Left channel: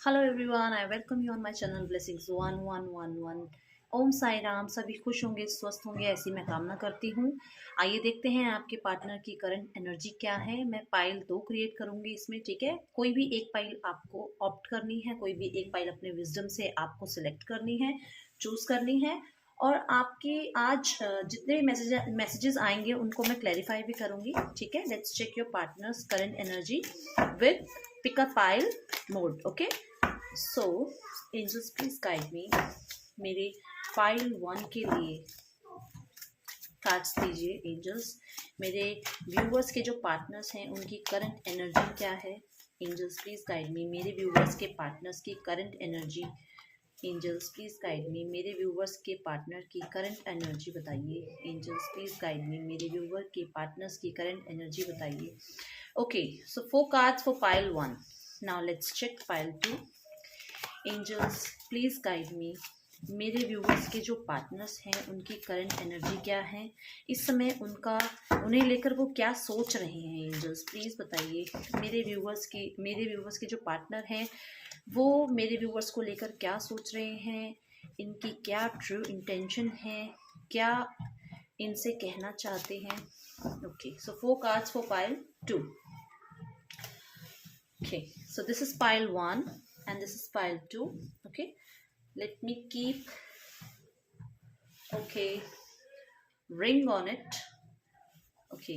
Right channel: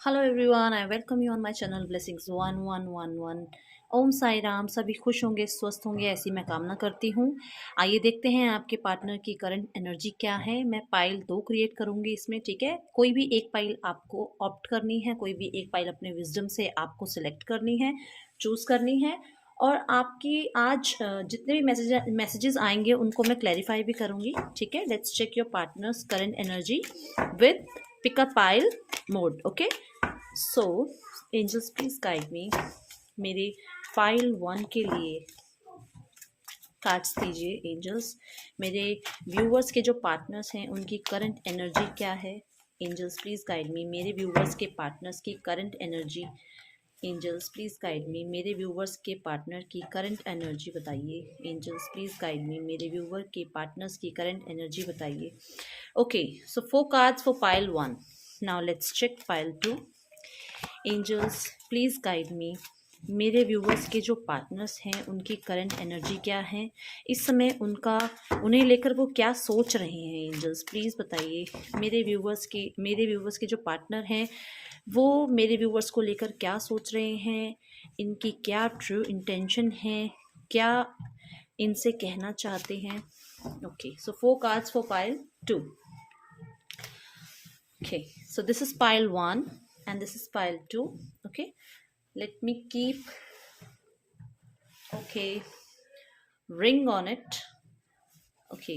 Hello everyone, I welcome you on my channel blessings 1111। ओम साई राम। सभी खुश होंगे, स्वस्थ होंगे, ऐसी मैं कामना करती हूँ। आइए देखते हैं आपके पार्टनर की करंट एनर्जी क्या है। मैं पाइल 2 क्रिएट करूँगी इसमें, ठीक है। कोई भी एक पाइल आपको ऑप्ट करनी है, कोई भी एक पाइल अपने विजडम से आपको सिलेक्ट करनी है, चूज़ करनी है। और आपकी आज जितने भी मैसेजेस आएंगे उनको मैं क्लैरिफाई भी करूँगी, ठीक है। Let's check your partners current energy with pick a pile mode, okay. So angels please guide me. मेरे फाइल 1 के लिए कार्ड्स दीजिए एंजल्स। मेरे व्यूवर्स के जो पार्टनर्स हैं उनकी करंट एनर्जी क्या है। Angels please guide me. मेरे व्यूवर्स के पार्टनर्स की current energy. Angels please guide me. मेरे व्यूवर्स के पार्टनर की करंट एनर्जी बताइए। Angels please guide me. मेरे व्यूवर के पार्टनर्स की करंट एनर्जी बताइए। Okay, so 4 cards for pile 1। Now let's check pile 2। Angels please guide me. मेरे viewers के जो पार्टनर्स हैं उनकी करंट एनर्जी क्या है इस समय, उन्हें लेकर वो क्या सोच रहे हैं। एंजल्स प्लीज बताइए। मेरे व्यूवर्स के जो पार्टनर हैं वो मेरे व्यूवर्स को लेकर क्या सोच रहे हैं, इनकी क्या ट्रू इंटेंशन है, क्या इनसे कहना चाहते हैं। Okay, so 4 cards for pile 2। Okay, so this is pile 1 and this is pile 2. Okay, let me keep, okay, ring on it. Okay,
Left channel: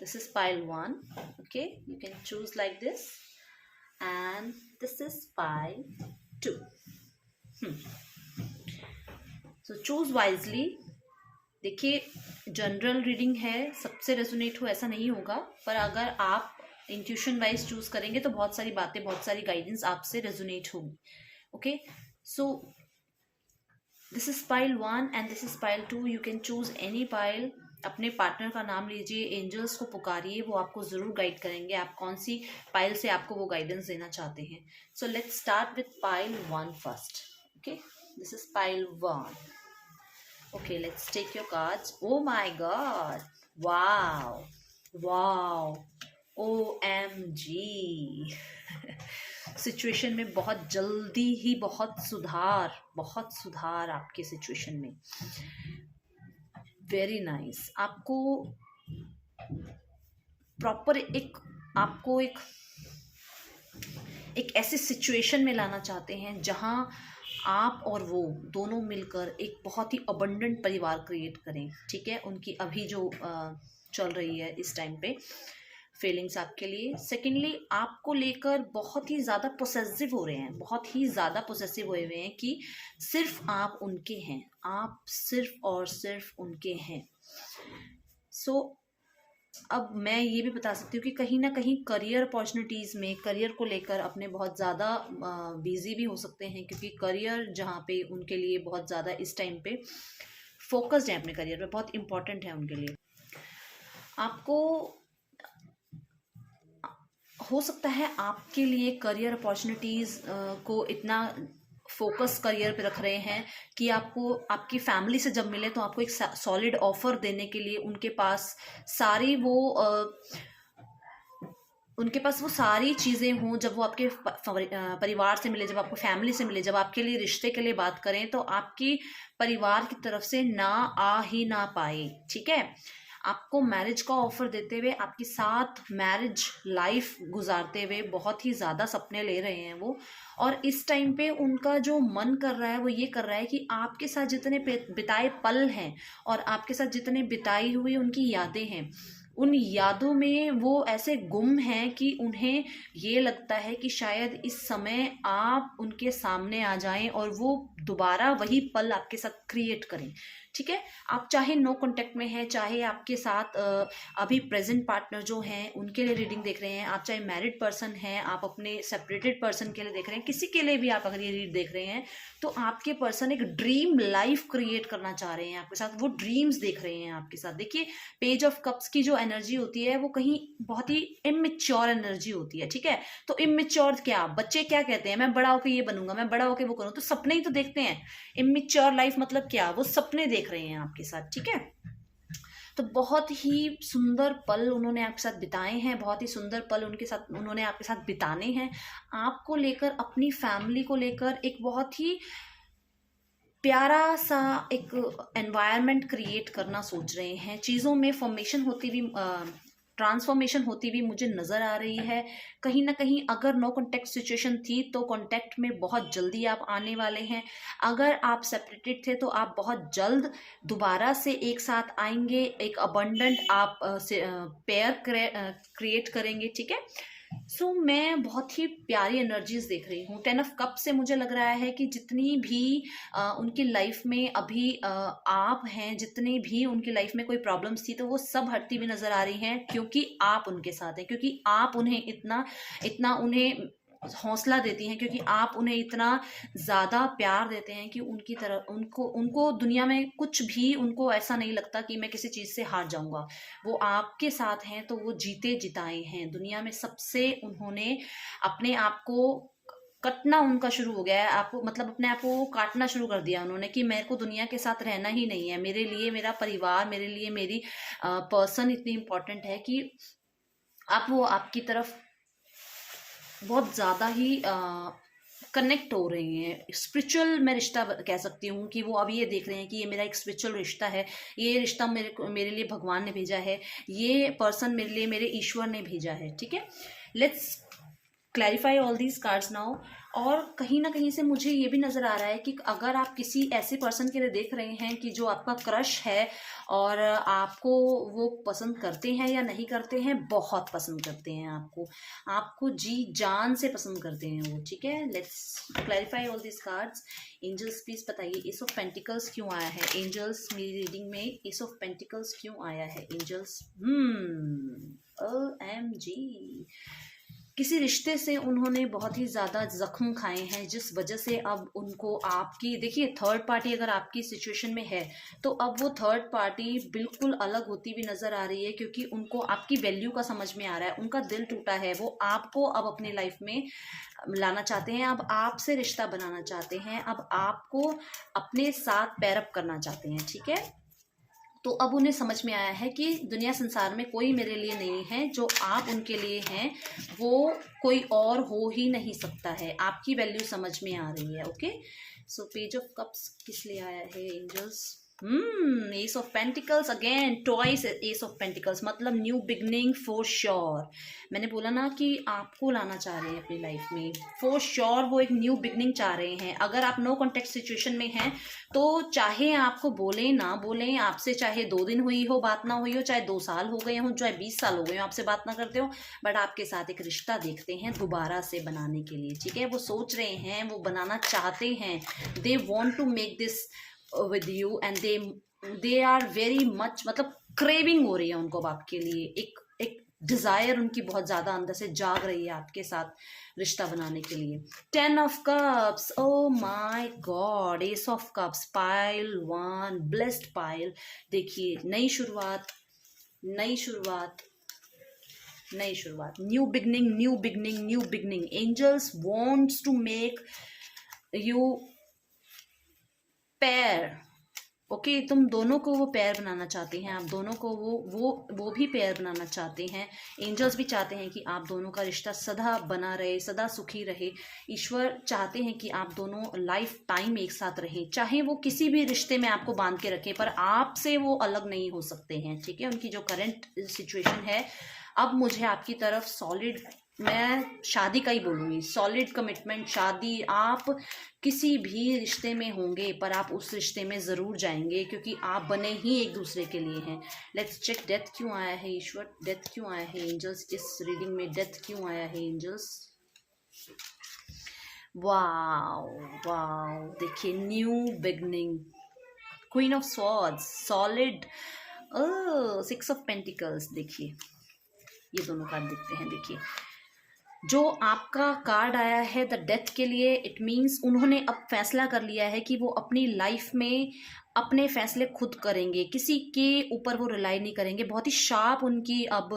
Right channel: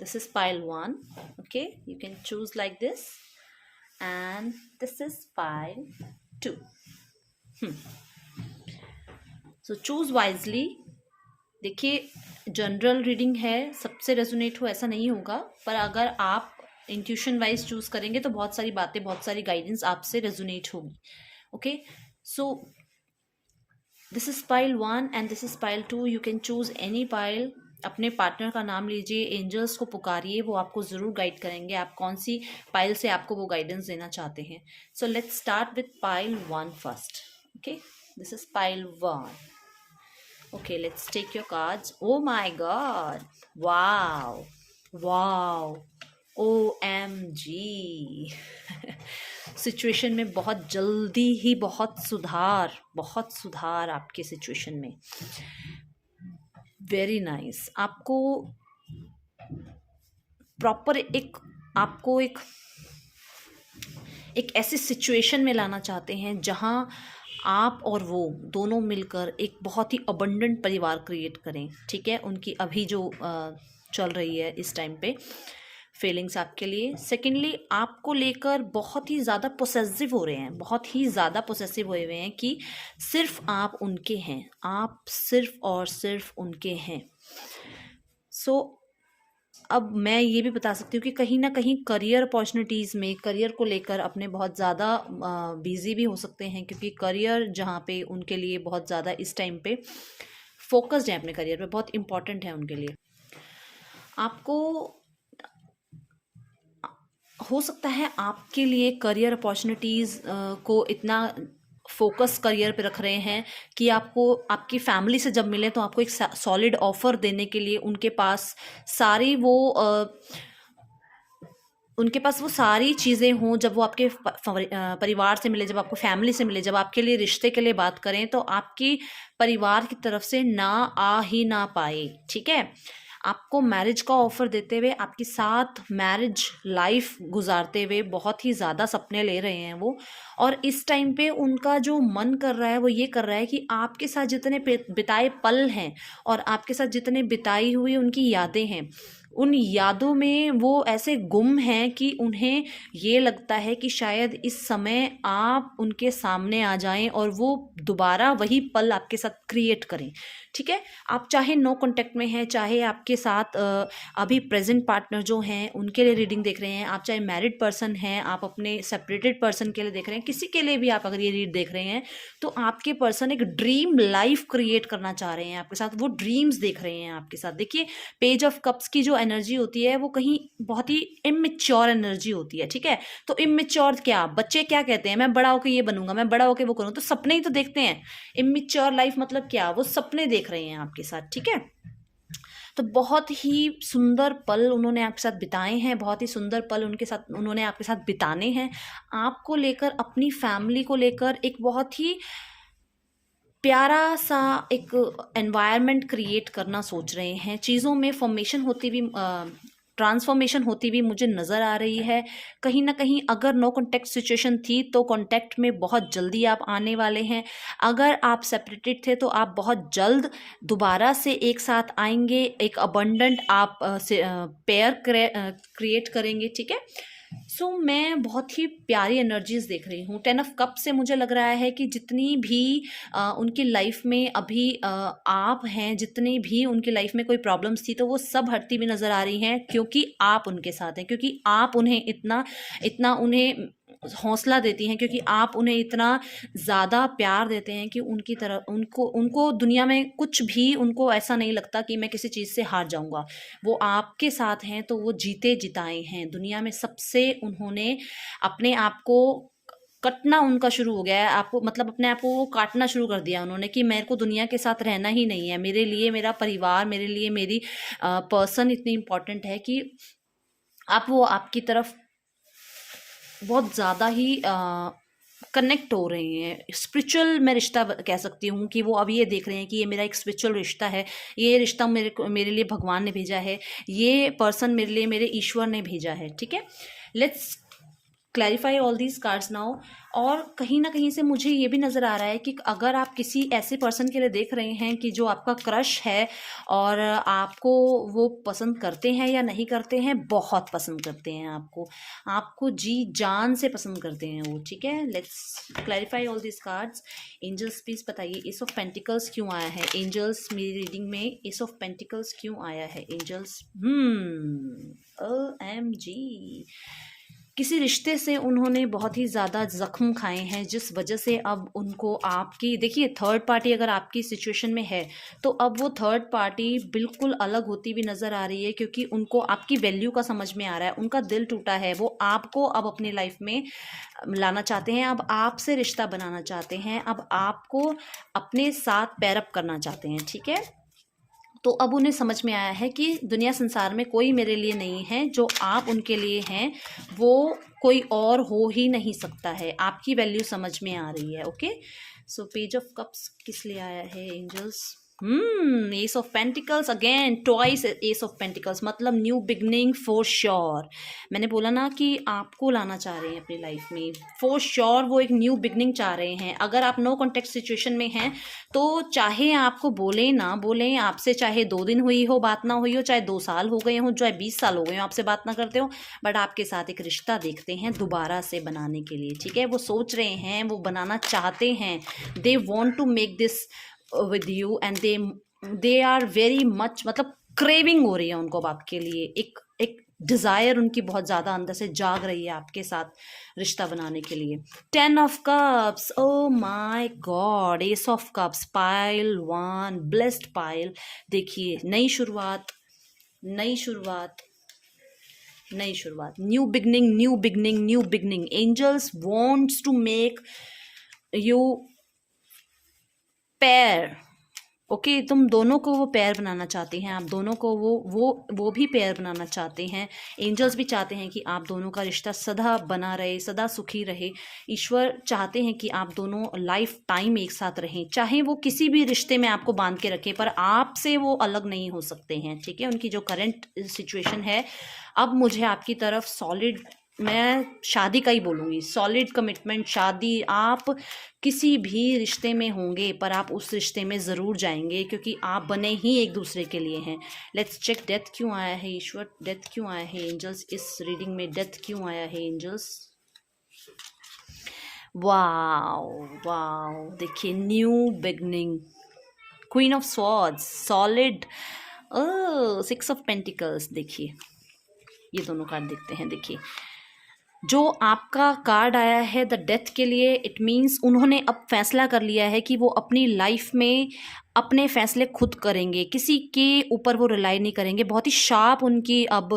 this is pile 1. Okay, you can choose like this, and this is pile 2. So choose wisely. देखिए, general reading है, सबसे resonate हो ऐसा नहीं होगा, पर अगर आप इंट्यूशन वाइज चूज करेंगे तो बहुत सारी बातें, बहुत सारी गाइडेंस आपसे रेजोनेट होगी। Okay, so this is pile 1 and this is pile 2। You can choose any pile. अपने पार्टनर का नाम लीजिए, एंजल्स को पुकारिए, वो आपको जरूर गाइड करेंगे आप कौन सी पाइल से आपको वो गाइडेंस देना चाहते हैं। So let's start with pile 1 first. Okay, this is pile 1. Okay, let's take your cards. Oh my god. Wow. Wow. OMG. Situation में बहुत जल्दी ही बहुत सुधार आपके सिचुएशन में। Very nice. आपको प्रॉपर आपको एक ऐसी सिचुएशन में लाना चाहते हैं जहां आप और वो दोनों मिलकर एक बहुत ही अबंडेंट परिवार क्रिएट करें, ठीक है। उनकी अभी जो चल रही है इस टाइम पे फीलिंग्स आपके लिए। सेकेंडली, आपको लेकर बहुत ही ज़्यादा पोसेसिव हो रहे हैं, बहुत ही ज़्यादा पोसेसिव हुए हुए हैं कि सिर्फ आप उनके हैं, आप सिर्फ और सिर्फ उनके हैं। सो अब मैं ये भी बता सकती हूँ कि कहीं ना कहीं करियर अपॉर्चुनिटीज़ में, करियर को लेकर अपने बहुत ज़्यादा बिजी भी हो सकते हैं, क्योंकि करियर जहाँ पे उनके लिए बहुत ज़्यादा इस टाइम पे फोकस्ड है, अपने करियर पे बहुत इम्पॉर्टेंट है उनके लिए। आपको हो सकता है आपके लिए करियर अपॉर्चुनिटीज़ को इतना फोकस करियर पे रख रहे हैं कि आपको आपकी फैमिली से जब मिले तो आपको एक सॉलिड ऑफर देने के लिए उनके पास सारी वो उनके पास वो सारी चीज़ें हों। जब वो आपके परिवार से मिले, जब आपको फैमिली से मिले, जब आपके लिए रिश्ते के लिए बात करें, तो आपकी परिवार की तरफ से ना आ ही ना पाए, ठीक है। आपको मैरिज का ऑफर देते हुए, आपके साथ मैरिज लाइफ गुजारते हुए बहुत ही ज़्यादा सपने ले रहे हैं वो। और इस टाइम पे उनका जो मन कर रहा है वो ये कर रहा है कि आपके साथ जितने बिताए पल हैं और आपके साथ जितने बिताई हुई उनकी यादें हैं, उन यादों में वो ऐसे गुम हैं कि उन्हें ये लगता है कि शायद इस समय आप उनके सामने आ जाएं और वो दोबारा वही पल आपके साथ क्रिएट करें, ठीक है। आप चाहे नो कांटेक्ट में हैं, चाहे आपके साथ अभी प्रेजेंट पार्टनर जो हैं उनके लिए रीडिंग देख रहे हैं, आप चाहे मैरिड पर्सन हैं, आप अपने सेपरेटेड पर्सन के लिए देख रहे हैं, किसी के लिए भी आप अगर ये रीड देख रहे हैं, तो आपके पर्सन एक ड्रीम लाइफ क्रिएट करना चाह रहे हैं आपके साथ, वो ड्रीम्स देख रहे हैं आपके साथ। देखिए, पेज ऑफ कप्स की जो एनर्जी होती है वो कहीं बहुत ही इमेच्योर एनर्जी होती है, ठीक है। तो इमेच्योर क्या, बच्चे क्या कहते हैं, मैं बड़ा होकर ये बनूंगा, मैं बड़ा होकर वो करूँ, तो सपने ही तो देखते हैं। इमेच्योर लाइफ मतलब क्या, वो सपने देख रहे हैं आपके साथ, ठीक है। तो बहुत ही सुंदर पल उन्होंने आपके साथ बिताए हैं, बहुत ही सुंदर पल उनके साथ उन्होंने आपके साथ बिताने हैं। आपको लेकर, अपनी फैमिली को लेकर एक बहुत ही प्यारा सा एक एनवायरनमेंट क्रिएट करना सोच रहे हैं। चीज़ों में फॉर्मेशन होती भी, ट्रांसफॉर्मेशन होती भी मुझे नज़र आ रही है। कहीं ना कहीं अगर नो कॉन्टैक्ट सिचुएशन थी तो कॉन्टैक्ट में बहुत जल्दी आप आने वाले हैं। अगर आप सेपरेटेड थे तो आप बहुत जल्द दोबारा से एक साथ आएंगे, एक अबंडेंट आप पेयर क्रिएट करेंगे, ठीक है। सो मैं बहुत ही प्यारी एनर्जीज देख रही हूँ। 10 ऑफ कप से मुझे लग रहा है कि जितनी भी उनकी लाइफ में अभी आप हैं, जितनी भी उनकी लाइफ में कोई प्रॉब्लम्स थी तो वो सब हटती हुई नजर आ रही हैं, क्योंकि आप उनके साथ हैं, क्योंकि आप उन्हें इतना इतना उन्हें हौसला देती हैं, क्योंकि आप उन्हें इतना ज़्यादा प्यार देते हैं कि उनकी तरह उनको उनको दुनिया में कुछ भी, उनको ऐसा नहीं लगता कि मैं किसी चीज़ से हार जाऊंगा। वो आपके साथ हैं तो वो जीते जिताए हैं। दुनिया में सबसे उन्होंने अपने आप को कटना उनका शुरू हो गया है, आपको मतलब अपने आप को वो काटना शुरू कर दिया उन्होंने कि मेरे को दुनिया के साथ रहना ही नहीं है। मेरे लिए मेरा परिवार, मेरे लिए मेरी पर्सन इतनी इम्पोर्टेंट है कि आप वो आपकी तरफ बहुत ज़्यादा ही कनेक्ट हो रहे हैं। स्पिरिचुअल मैं रिश्ता कह सकती हूँ कि वो अब ये देख रहे हैं कि ये मेरा एक स्पिरिचुअल रिश्ता है, ये रिश्ता मेरे लिए भगवान ने भेजा है, ये पर्सन मेरे लिए मेरे ईश्वर ने भेजा है, ठीक है। Let's clarify all these cards now. और कहीं ना कहीं से मुझे ये भी नज़र आ रहा है कि अगर आप किसी ऐसे पर्सन के लिए देख रहे हैं कि जो आपका क्रश है और आपको वो पसंद करते हैं या नहीं करते हैं, बहुत पसंद करते हैं आपको, आपको जी जान से पसंद करते हैं वो, ठीक है। Let's clarify all these cards. Angels please बताइए एस ऑफ पेंटिकल्स क्यों आया है। एंजल्स मेरी रीडिंग में एस ऑफ पेंटिकल्स क्यों आया है एंजल्स। OMG, किसी रिश्ते से उन्होंने बहुत ही ज़्यादा ज़ख्म खाए हैं, जिस वजह से अब उनको आपकी, देखिए थर्ड पार्टी अगर आपकी सिचुएशन में है तो अब वो थर्ड पार्टी बिल्कुल अलग होती हुई नज़र आ रही है, क्योंकि उनको आपकी वैल्यू का समझ में आ रहा है। उनका दिल टूटा है, वो आपको अब अपने लाइफ में लाना चाहते हैं, अब आपसे रिश्ता बनाना चाहते हैं, अब आपको अपने साथ पैरअप करना चाहते हैं, ठीक है। तो अब उन्हें समझ में आया है कि दुनिया संसार में कोई मेरे लिए नहीं है, जो आप उनके लिए हैं वो कोई और हो ही नहीं सकता है। आपकी वैल्यू समझ में आ रही है, okay. So page of cups किस लिए आया है angels. Ace of pentacles again, twice ace of pentacles, मतलब न्यू बिगनिंग फॉर श्योर। मैंने बोला ना कि आपको लाना चाह रहे हैं अपनी लाइफ में, फॉर श्योर वो एक न्यू बिगनिंग चाह रहे हैं। अगर आप नो कॉन्टेक्ट सिचुएशन में हैं तो चाहे आपको बोले ना बोले, आपसे चाहे 2 दिन हुई हो बात ना हुई हो, चाहे 2 साल हो गए हो, चाहे 20 साल हो गए हो आपसे बात ना करते हो, बट आपके साथ एक रिश्ता देखते हैं दोबारा से बनाने के लिए, ठीक है। वो सोच रहे हैं, वो बनाना चाहते हैं, they want to make this with you and they are very much, मतलब क्रेविंग हो रही है उनको आपके लिए, एक डिजायर उनकी बहुत ज्यादा अंदर से जाग रही है आपके साथ रिश्ता बनाने के लिए। 10 of cups, oh my god, ace of cups, pile 1, blessed pile. देखिए नई शुरुआत, नई शुरुआत, नई शुरुआत, new beginning, new beginning, new beginning. Angels wants to make you pair, okay तुम दोनों को वो पैर बनाना चाहते हैं, आप दोनों को वो भी पैर बनाना चाहते हैं। एंजल्स भी चाहते हैं कि आप दोनों का रिश्ता सदा बना रहे, सदा सुखी रहे। ईश्वर चाहते हैं कि आप दोनों लाइफ टाइम एक साथ रहें, चाहे वो किसी भी रिश्ते में आपको बांध के रखे, पर आपसे वो अलग नहीं हो सकते हैं, ठीक है। उनकी जो करंट सिचुएशन है, अब मुझे आपकी तरफ सॉलिड, मैं शादी का ही बोलूँगी, सॉलिड कमिटमेंट, शादी। आप किसी भी रिश्ते में होंगे पर आप उस रिश्ते में ज़रूर जाएंगे, क्योंकि आप बने ही एक दूसरे के लिए हैं। लेट्स चेक, डेथ क्यों आया है ईश्वर, डेथ क्यों आया है एंजल्स, इस रीडिंग में डेथ क्यों आया है एंजल्स। वाओ वाओ, देखिए new beginning, queen of swords, solid, 6 of pentacles. देखिए ये दोनों कार्ड देखते हैं। देखिए जो आपका कार्ड आया है द डेथ के लिए, इट मीन्स उन्होंने अब फैसला कर लिया है कि वो अपनी लाइफ में अपने फैसले खुद करेंगे, किसी के ऊपर वो रिलाई नहीं करेंगे। बहुत ही शार्प उनकी अब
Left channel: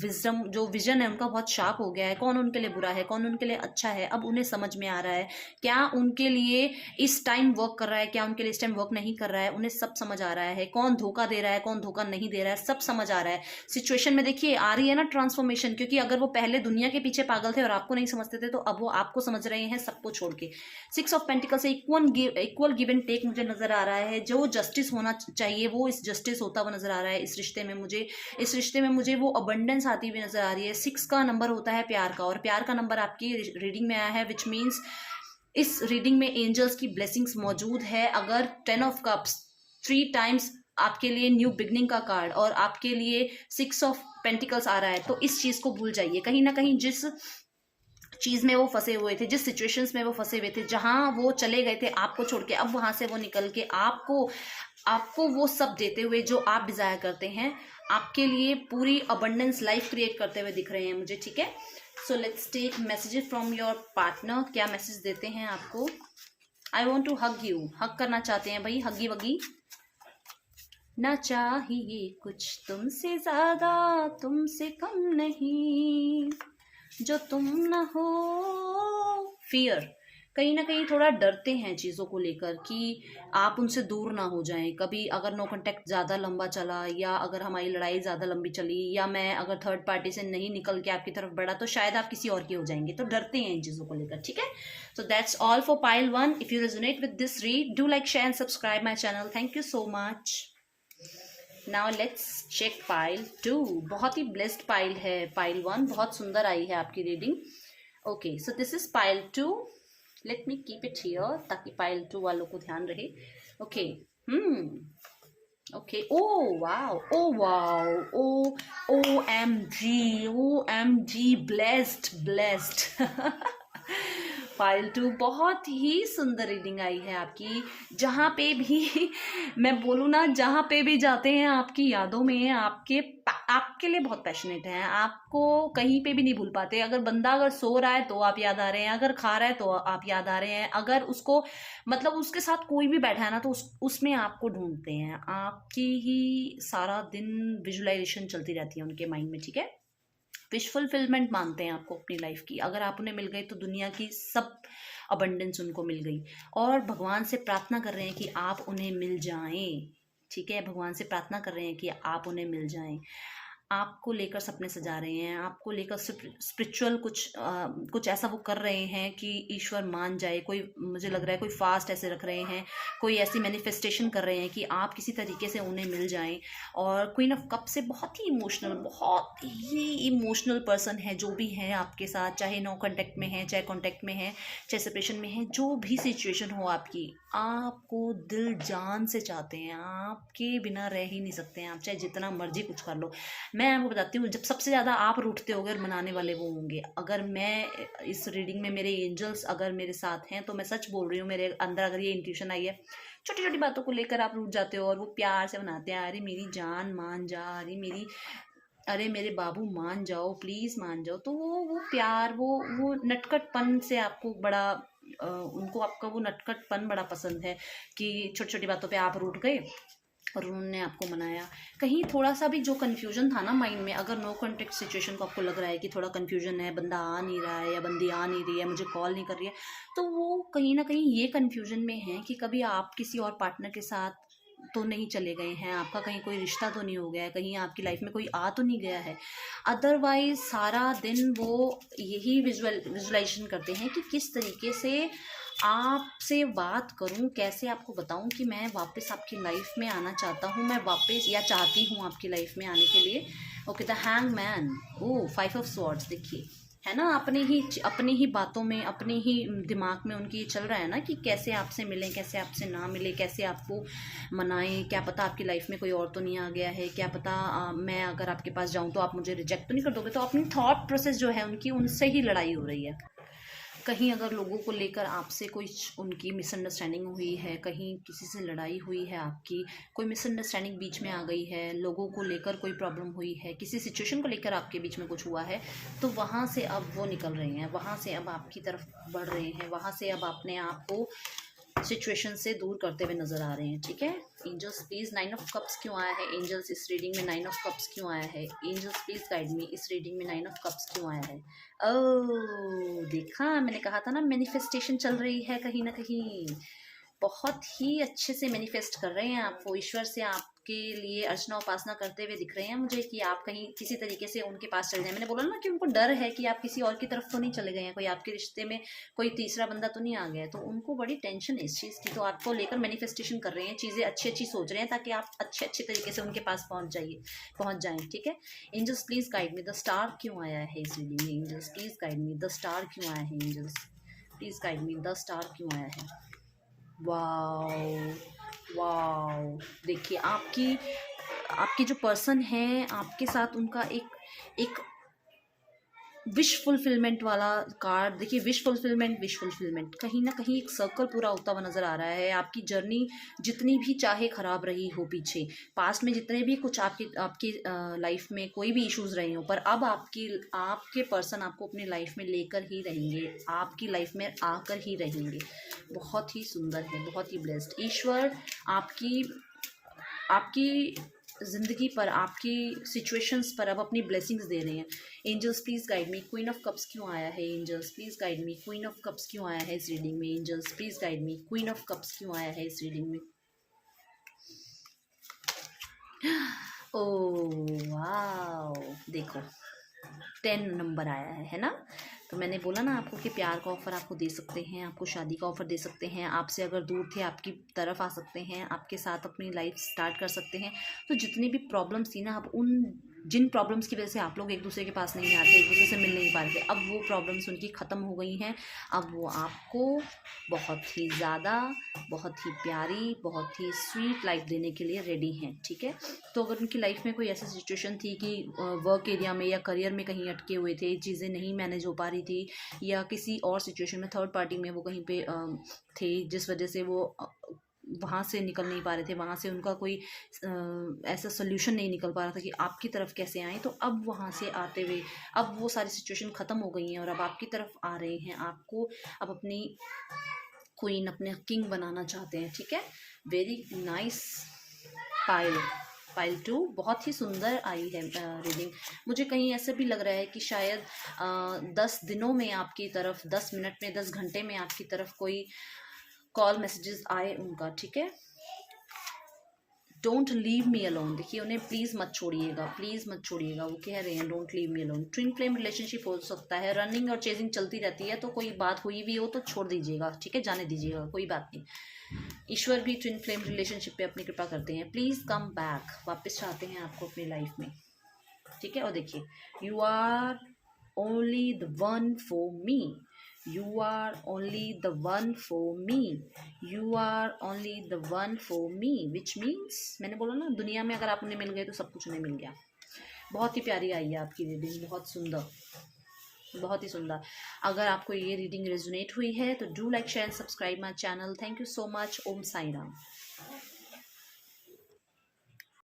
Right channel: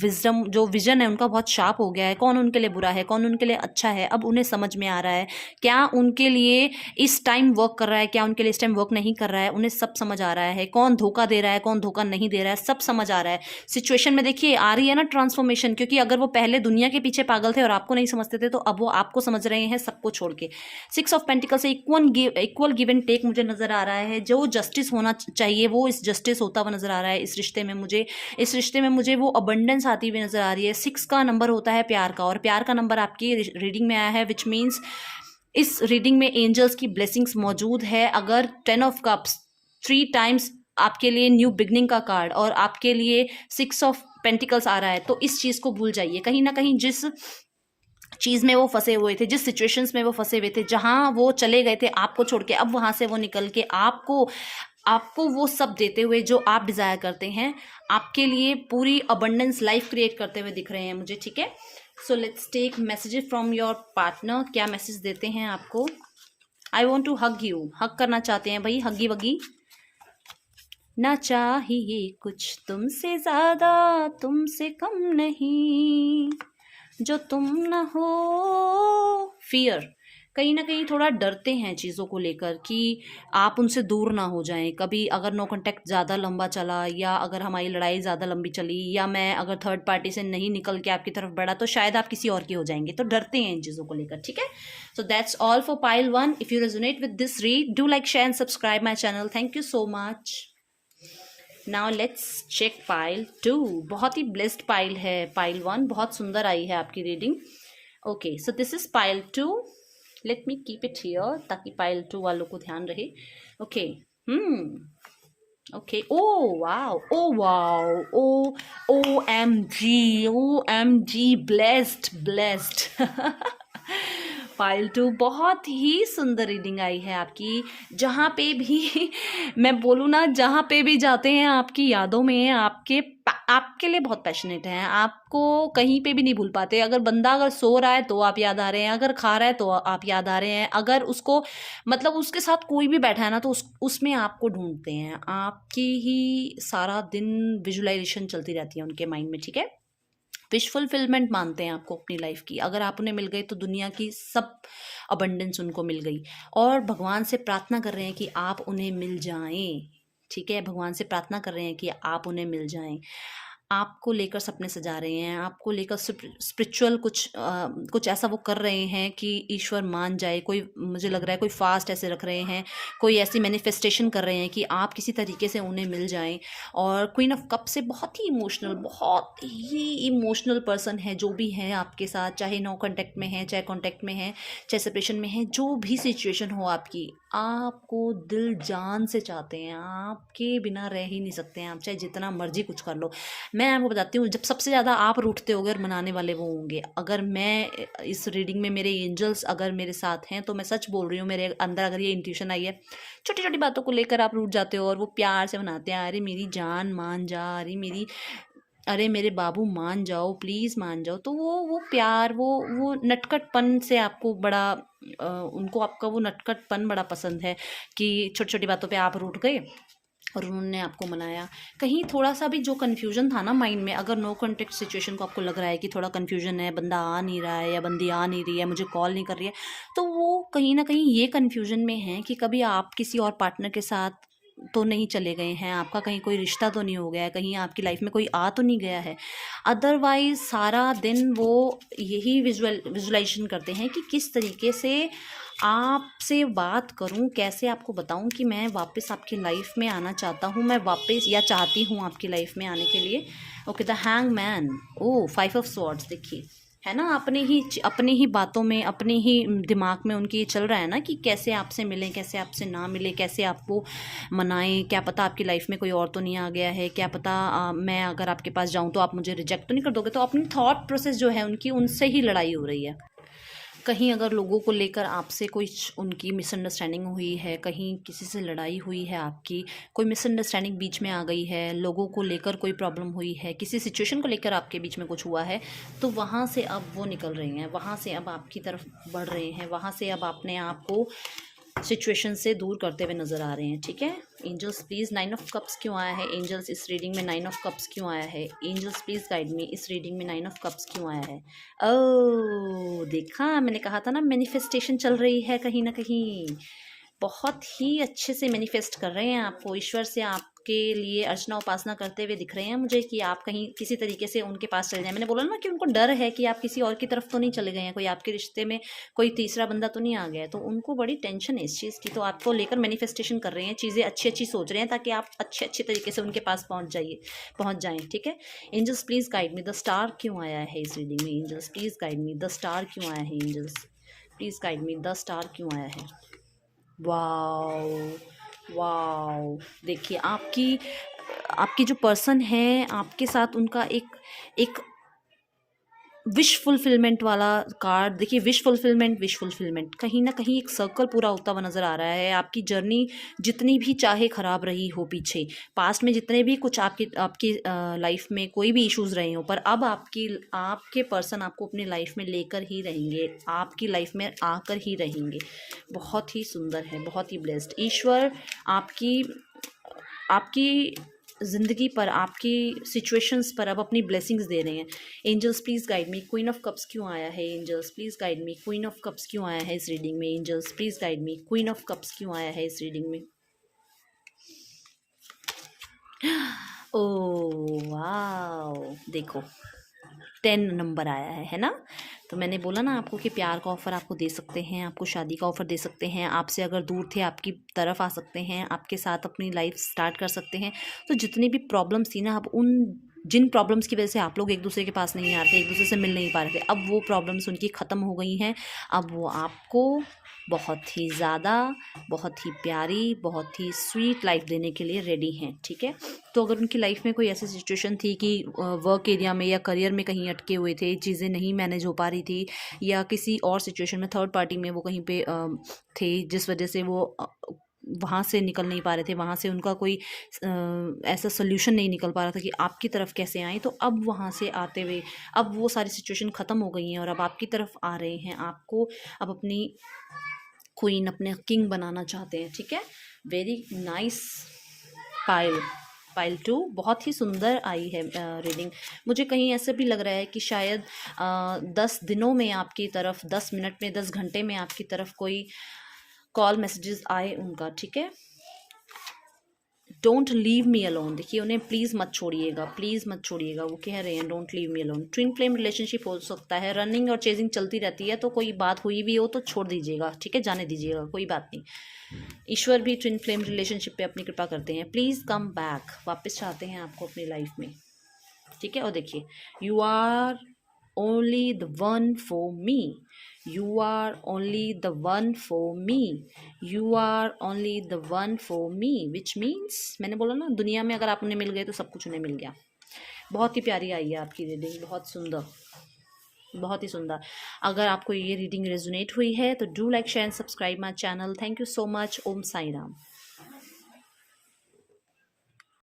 विजडम, जो विजन है उनका बहुत शार्प हो गया है। कौन उनके लिए बुरा है, कौन उनके लिए अच्छा है, अब उन्हें समझ में आ रहा है। क्या उनके लिए इस टाइम वर्क कर रहा है, क्या उनके लिए इस टाइम वर्क नहीं कर रहा है, उन्हें सब समझ आ रहा है। कौन धोखा दे रहा है, कौन धोखा नहीं दे रहा है, सब समझ आ रहा है। सिचुएशन में देखिए आ रही है ना ट्रांसफॉर्मेशन, क्योंकि अगर वो पहले दुनिया के पीछे पागल थे और आपको नहीं समझते थे, तो अब वो आपको समझ रहे हैं सबको छोड़ के। 6 ऑफ पेंटिकल से इक्वल गिव एंड टेक मुझे नजर आ रहा है। जो जस्टिस होना चाहिए वो इस जस्टिस होता हुआ नजर आ रहा है इस रिश्ते में। मुझे इस रिश्ते में मुझे वो अबंडेंस आती हुई नजर आ रही है। 6 का नंबर होता है प्यार का, और प्यार का नंबर आपकी रीडिंग में आया है, विच मीन्स इस रीडिंग में एंजल्स की ब्लेसिंग्स मौजूद है। अगर 10 ऑफ कप्स 3 टाइम्स आपके लिए न्यू बिगनिंग का कार्ड और आपके लिए 6 ऑफ पेंटिकल्स आ रहा है, तो इस चीज को भूल जाइए। कहीं ना कहीं जिस चीज में वो फंसे हुए थे, जिस सिचुएशंस में वो फंसे हुए थे, जहां वो चले गए थे आपको छोड़ के, अब वहां से वो निकल के आपको आपको वो सब देते हुए जो आप डिजायर करते हैं, आपके लिए पूरी अबंडेंस लाइफ क्रिएट करते हुए दिख रहे हैं मुझे। ठीक है, so let's take messages from your partner. क्या मैसेज देते हैं आपको? I want to hug you, hug करना चाहते हैं भाई, हगी वगी। ना चाहिए कुछ तुमसे ज्यादा, तुमसे कम नहीं, जो तुम न हो। फियर, कहीं ना कहीं थोड़ा डरते हैं चीज़ों को लेकर कि आप उनसे दूर ना हो जाएं। कभी अगर नो कांटेक्ट ज़्यादा लंबा चला, या अगर हमारी लड़ाई ज़्यादा लंबी चली, या मैं अगर थर्ड पार्टी से नहीं निकल के आपकी तरफ बढ़ा, तो शायद आप किसी और की हो जाएंगे। तो डरते हैं इन चीज़ों को लेकर। ठीक है, so that's all for pile 1। If you resonate with this read, do like, share and subscribe my channel. Thank you so much. Now let's check pile 2। बहुत ही ब्लेस्ड पाइल है पाइल 1, बहुत सुंदर आई है आपकी reading. Okay, so this is pile 2। Let me keep it here ताकि pile 2 वालों को ध्यान रहे। Okay, okay, oh wow, oh wow, O M G, blessed blessed. File 2, बहुत ही सुंदर रीडिंग आई है आपकी। जहाँ पे भी मैं बोलूँ ना, जहाँ पे भी जाते हैं आपकी यादों में, आपके लिए बहुत पैशनेट हैं। आपको कहीं पे भी नहीं भूल पाते। अगर सो रहा है तो आप याद आ रहे हैं, अगर खा रहा है तो आप याद आ रहे हैं, अगर उसको मतलब उसके साथ कोई भी बैठा है ना, तो उसमें आपको ढूंढते हैं। आपकी ही सारा दिन विजुअलाइजेशन चलती रहती है उनके माइंड में। ठीक है, विश फुलफिलमेंट मानते हैं आपको अपनी लाइफ की। अगर आप उन्हें मिल गए तो दुनिया की सब अबंडेंस उनको मिल गई, और भगवान से प्रार्थना कर रहे हैं कि आप उन्हें मिल जाएं। ठीक है, भगवान से प्रार्थना कर रहे हैं कि आप उन्हें मिल जाएं। आपको लेकर सपने सजा रहे हैं, आपको लेकर स्पिरिचुअल कुछ ऐसा वो कर रहे हैं कि ईश्वर मान जाए। कोई, मुझे लग रहा है कोई फास्ट ऐसे रख रहे हैं, कोई ऐसी मैनिफेस्टेशन कर रहे हैं कि आप किसी तरीके से उन्हें मिल जाएं। और क्वीन ऑफ कप से बहुत ही इमोशनल पर्सन है जो भी है आपके साथ, चाहे नो कांटेक्ट में है, चाहे कांटेक्ट में है, चाहे सेपरेशन में है, जो भी सिचुएशन हो आपकी, आपको दिल जान से चाहते हैं। आपके बिना रह ही नहीं सकते हैं, आप चाहे जितना मर्जी कुछ कर लो। मैं आपको बताती हूँ, जब सबसे ज़्यादा आप रूठते होगे और मनाने वाले वो होंगे। अगर मैं इस रीडिंग में मेरे एंजल्स अगर मेरे साथ हैं, तो मैं सच बोल रही हूँ, मेरे अंदर अगर ये इंट्यूशन आई है, छोटी छोटी बातों को लेकर आप रूठ जाते हो और वो प्यार से मनाते हैं। अरे मेरी जान मान जा, अरे मेरे बाबू मान जाओ, प्लीज़ मान जाओ। तो वो प्यार, वो नटखटपन से आपको बड़ा उनको आपका वो नटखटपन बड़ा पसंद है कि छोटी छोटी बातों पे आप रूठ गए और उन्होंने आपको मनाया। कहीं थोड़ा सा भी जो कन्फ्यूजन था ना माइंड में, अगर नो कॉन्टेक्ट सिचुएशन को आपको लग रहा है कि थोड़ा कन्फ्यूजन है, बंदा आ नहीं रहा है या बंदी आ नहीं रही है, मुझे कॉल नहीं कर रही है, तो वो कहीं ना कहीं ये कन्फ्यूजन में है कि कभी आप किसी और पार्टनर के साथ तो नहीं चले गए हैं, आपका कहीं कोई रिश्ता तो नहीं हो गया है, कहीं आपकी लाइफ में कोई आ तो नहीं गया है। अदरवाइज सारा दिन वो यही विजुलाइजेशन करते हैं कि किस तरीके से आपसे बात करूं, कैसे आपको बताऊं कि मैं वापस आपकी लाइफ में आना चाहता हूं, मैं वापस या चाहती हूं आपकी लाइफ में आने के लिए। Okay, the hangman, oh 5 of swords, देखिए है ना, अपनी ही बातों में, अपने ही दिमाग में उनकी ये चल रहा है ना कि कैसे आपसे मिलें, कैसे आपसे ना मिले, कैसे आपको मनाएं। क्या पता आपकी लाइफ में कोई और तो नहीं आ गया है, क्या पता मैं अगर आपके पास जाऊं तो आप मुझे रिजेक्ट तो नहीं कर दोगे। तो अपनी थॉट प्रोसेस जो है उनकी, उनसे ही लड़ाई हो रही है। कहीं अगर लोगों को लेकर आपसे कोई उनकी मिसअंडरस्टैंडिंग हुई है, कहीं किसी से लड़ाई हुई है आपकी, कोई मिसअंडरस्टैंडिंग बीच में आ गई है, लोगों को लेकर कोई प्रॉब्लम हुई है, किसी सिचुएशन को लेकर आपके बीच में कुछ हुआ है, तो वहाँ से अब वो निकल रही हैं, वहाँ से अब आपकी तरफ बढ़ रहे हैं, वहाँ से अब अपने आप को सिचुएशन से दूर करते हुए नज़र आ रहे हैं, ठीक है। एंजल्स प्लीज़, 9 ऑफ कप्स क्यों आया है एंजल्स इस रीडिंग में? 9 ऑफ कप्स क्यों आया है एंजल्स? प्लीज़ गाइड मी, इस रीडिंग में 9 ऑफ कप्स क्यों आया है? ओह, देखा, मैंने कहा था ना मैनिफेस्टेशन चल रही है कहीं ना कहीं। बहुत ही अच्छे से मैनिफेस्ट कर रहे हैं आपको, ईश्वर से आपके लिए अर्चना उपासना करते हुए दिख रहे हैं मुझे कि आप कहीं किसी तरीके से उनके पास चले जाएं। मैंने बोला ना कि उनको डर है कि आप किसी और की तरफ तो नहीं चले गए हैं, कोई आपके रिश्ते में कोई तीसरा बंदा तो नहीं आ गया है, तो उनको बड़ी टेंशन है इस चीज़ की। तो आपको लेकर मैनिफेस्टेशन कर रहे हैं, चीज़ें अच्छी अच्छी सोच रहे हैं ताकि आप अच्छे अच्छे तरीके से उनके पास पहुँच जाएँ, ठीक है। Angels please guide me, the star क्यों आया है इस रीडिंग में? Angels please guide me, the star क्यों आया है? Angels please guide me, the star क्यों आया है? वाओ, वाओ, देखिए आपकी आपकी जो पर्सन है आपके साथ, उनका एक एक विश फुलफिलमेंट वाला कार्ड देखिए। विश फुलफिलमेंट, कहीं ना कहीं एक सर्कल पूरा होता हुआ नज़र आ रहा है। आपकी जर्नी जितनी भी चाहे ख़राब रही हो पीछे, पास्ट में जितने भी कुछ आपकी आपकी लाइफ में कोई भी इश्यूज़ रहे हो, पर अब आपके पर्सन आपको अपनी लाइफ में लेकर ही रहेंगे, आपकी लाइफ में आकर ही रहेंगे। बहुत ही सुंदर है, बहुत ही ब्लेस्ड। ईश्वर आपकी आपकी ज़िंदगी पर, आपकी सिचुएशंस पर अब अपनी ब्लेसिंग्स दे रहे हैं। Angels please guide me, queen of cups क्यों आया है? Angels please guide me, queen of cups क्यों आया है इस रीडिंग में? Angels please guide me, queen of cups क्यों आया है इस रीडिंग में? ओह वाओ, देखो 10 नंबर आया है ना। तो मैंने बोला ना आपको कि प्यार का ऑफ़र आपको दे सकते हैं, आपको शादी का ऑफ़र दे सकते हैं, आपसे अगर दूर थे आपकी तरफ आ सकते हैं, आपके साथ अपनी लाइफ स्टार्ट कर सकते हैं। तो जितनी भी प्रॉब्लम्स थी ना, अब उन जिन प्रॉब्लम्स की वजह से आप लोग एक दूसरे के पास नहीं आते, एक दूसरे से मिल नहीं पा रहे थे, अब वो प्रॉब्लम्स उनकी ख़त्म हो गई हैं। अब वो आपको बहुत ही ज़्यादा, बहुत ही प्यारी, बहुत ही स्वीट लाइफ देने के लिए रेडी हैं, ठीक है। तो अगर उनकी लाइफ में कोई ऐसी सिचुएशन थी कि वर्क एरिया में या करियर में कहीं अटके हुए थे, चीज़ें नहीं मैनेज हो पा रही थी, या किसी और सिचुएशन में थर्ड पार्टी में वो कहीं पे थे, जिस वजह से वो वहाँ से निकल नहीं पा रहे थे, वहाँ से उनका कोई ऐसा सोल्यूशन नहीं निकल पा रहा था कि आपकी तरफ कैसे आएँ, तो अब वहाँ से आते हुए अब वो सारी सिचुएशन ख़त्म हो गई हैं और अब आपकी तरफ आ रहे हैं। आपको अब अपनी क्वीन, अपने किंग बनाना चाहते हैं, ठीक है। Very nice. पायल पायल 2 बहुत ही सुंदर आई है रीडिंग। मुझे कहीं ऐसा भी लग रहा है कि शायद 10 दिनों में आपकी तरफ, 10 मिनट में, 10 घंटे में आपकी तरफ कोई कॉल मैसेजेस आए उनका, ठीक है। डोंट लीव मी अलोन, देखिए उन्हें प्लीज़ मत छोड़िएगा, प्लीज़ मत छोड़िएगा, वो कह रहे हैं don't leave me alone. Twin flame relationship हो सकता है, रनिंग और चेजिंग चलती रहती है, तो कोई बात हुई भी हो तो छोड़ दीजिएगा, ठीक है, जाने दीजिएगा, कोई बात नहीं। ईश्वर भी ट्विन फ्लेम रिलेशनशिप पे अपनी कृपा करते हैं। प्लीज़ कम बैक, वापस चाहते हैं आपको अपनी लाइफ में, ठीक है। और देखिए, you are only the one for me, you are only the one for me, you are only the one for me, which means, मैंने बोला ना, दुनिया में अगर आप उन्हें मिल गए तो सब कुछ उन्हें मिल गया। बहुत ही प्यारी आई है आपकी रीडिंग, बहुत सुंदर, बहुत ही सुंदर। अगर आपको ये रीडिंग रेजोनेट हुई है तो do like, share and subscribe my channel. Thank you so much. Om Sai Ram.